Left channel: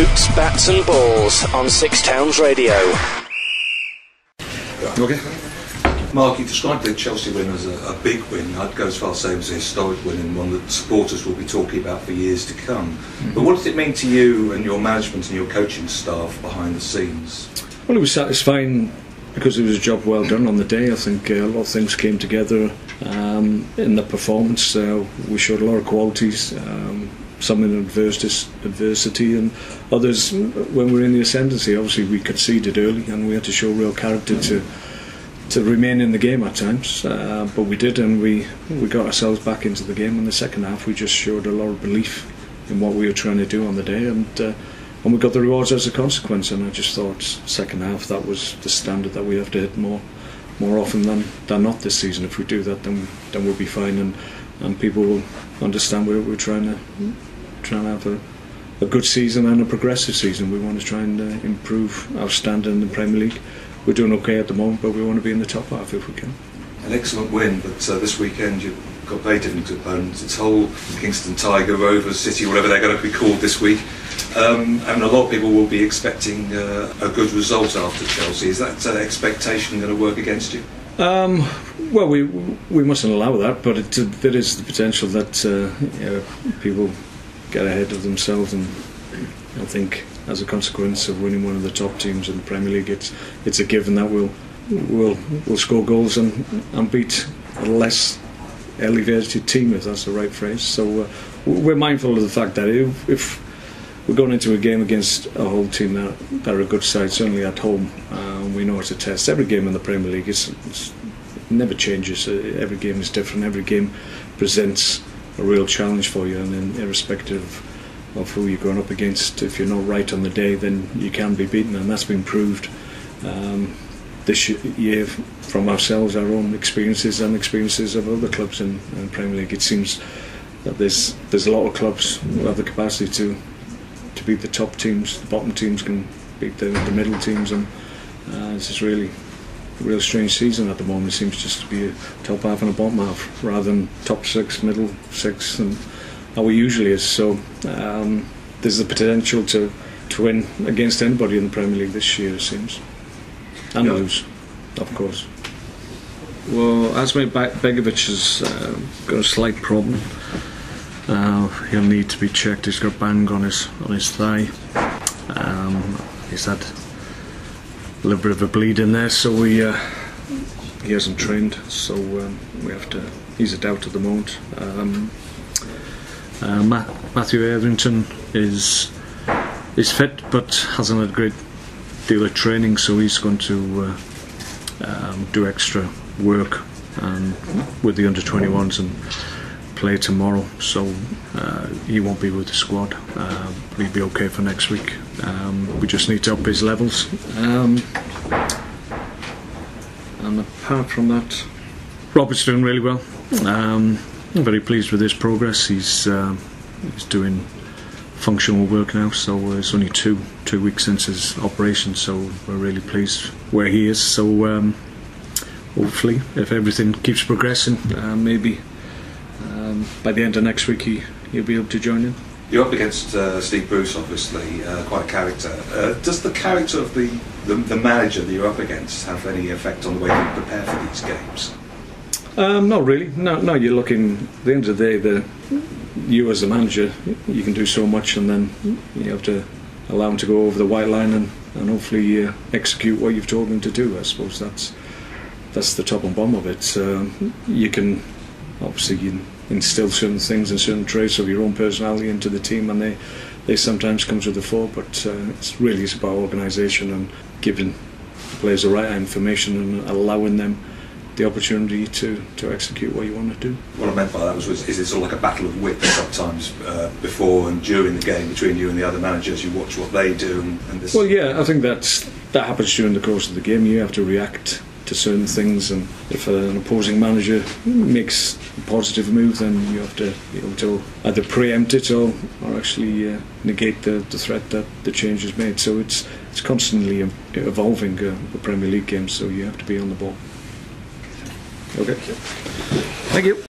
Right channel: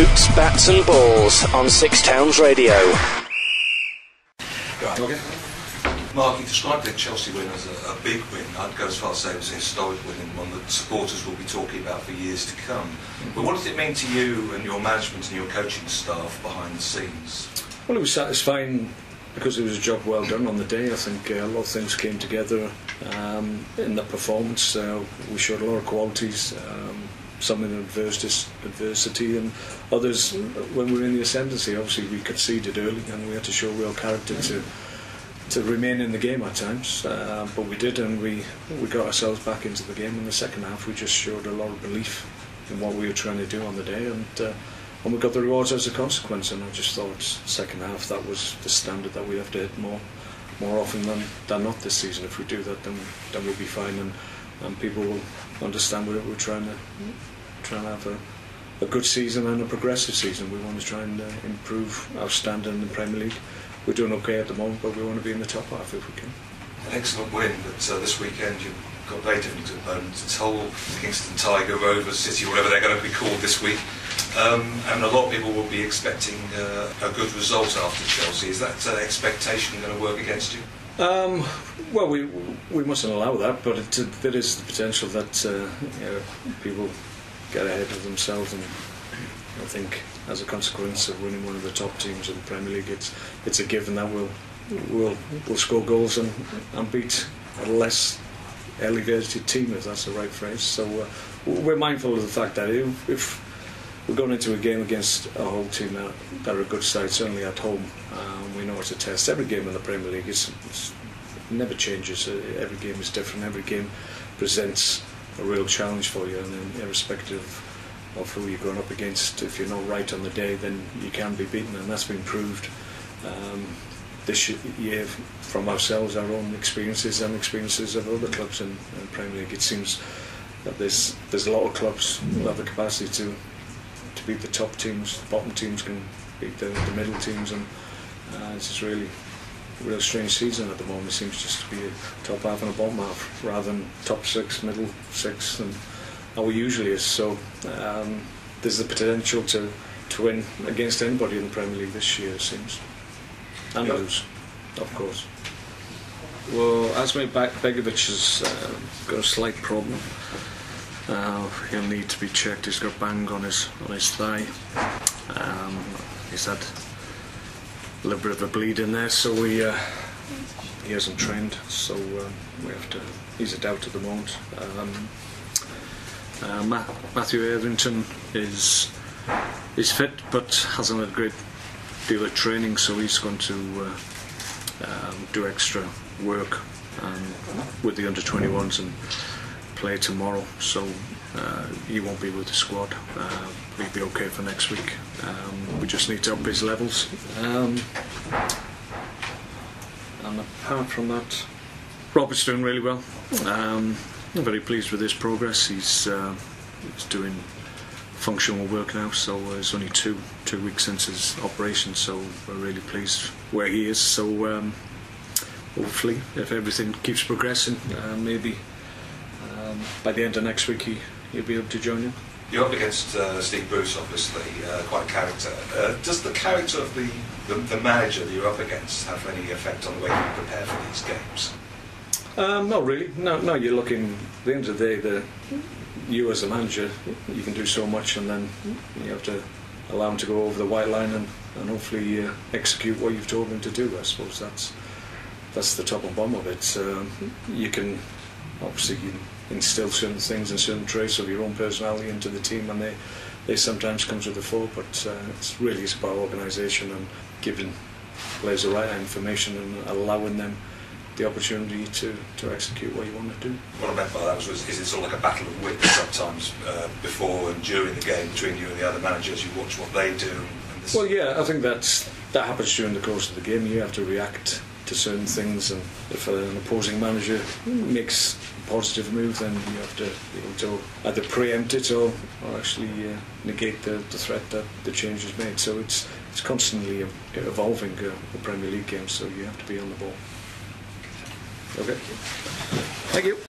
Boots, Bats and Balls on Six Towns Radio. Okay. Mark, you described the Chelsea win as a big win. I'd go as far as saying it was a historic win and one that supporters will be talking about for years to come. Mm-hmm. But what does it mean to you and your management and your coaching staff behind the scenes? Well, it was satisfying because it was a job well done on the day. I think a lot of things came together in the performance. We showed a lot of qualities, some in adversity and others when we were in the ascendancy. Obviously we conceded early and we had to show real character to remain in the game at times, but we did, and we got ourselves back into the game. In the second half we just showed a lot of belief in what we were trying to do on the day, and we got the rewards as a consequence. And I just thought second half that was the standard that we have to hit more often than not this season. If we do that, then we'll be fine, and people will understand we're trying to have a good season and a progressive season. We want to try and improve our standard in the Premier League. We're doing okay at the moment, but we want to be in the top half if we can. An excellent win, but this weekend you've got very different opponents. It's Hull Kingston Tigers, City, whatever they're going to be called this week. And a lot of people will be expecting a good result after Chelsea. Is that expectation going to work against you? Well, we mustn't allow that, but there is the potential that people get ahead of themselves, and I think as a consequence of winning one of the top teams in the Premier League, it's a given that we'll score goals and beat a less elevated team, if that's the right phrase. So we're mindful of the fact that if we're going into a game against a whole team that are a good side, certainly at home, we know it's a test. Every game in the Premier League it never changes. Every game is different. Every game presents a real challenge for you, and irrespective of who you're going up against, if you're not right on the day, then you can be beaten, and that's been proved this year from ourselves, our own experiences and experiences of other clubs in the Premier League. It seems that there's a lot of clubs who have the capacity to beat the top teams. The bottom teams can beat the middle teams, and this is really a real strange season at the moment. It seems just to be a top half and a bottom half rather than top six, middle six, and how it usually is. So there's the potential to win against anybody in the Premier League this year, it seems, and lose, of course. Well, Asmir Begovic has got a slight problem. He'll need to be checked. He's got bang on his thigh. He's had a little bit of a bleed in there, so he hasn't trained. So we have to. He's a doubt at the moment. Matthew Etherington is fit, but hasn't had a great deal of training, so he's going to do extra work with the under-21s and play tomorrow, so he won't be with the squad, but he'll be okay for next week. We just need to up his levels, and apart from that, Robert's doing really well. I'm very pleased with his progress. He's doing functional work now, so it's only two weeks since his operation, so we're really pleased where he is. So hopefully, if everything keeps progressing, maybe by the end of next week he'll be able to join you. You're up against Steve Bruce, obviously, quite a character. Does the character of the manager that you're up against have any effect on the way you prepare for these games? Not really. No. You're looking. At the end of the day, you as a manager, you can do so much, and then you have to allow him to go over the white line and hopefully execute what you've told him to do. I suppose that's the top and bottom of it. You can obviously instill certain things and certain traits of your own personality into the team, and they sometimes come to the fore, but it's really about organisation and giving players the right information and allowing them the opportunity to execute what you want to do. What I meant by that was is it sort of like a battle of wits sometimes before and during the game between you and the other managers? You watch what they do and this. Well, yeah, I think that happens during the course of the game. You have to react to certain things, and if an opposing manager makes a positive move, then you have to be able to either preempt it or actually negate the threat that the change is made. So it's constantly evolving, the Premier League game, so you have to be on the ball. Okay. Thank you.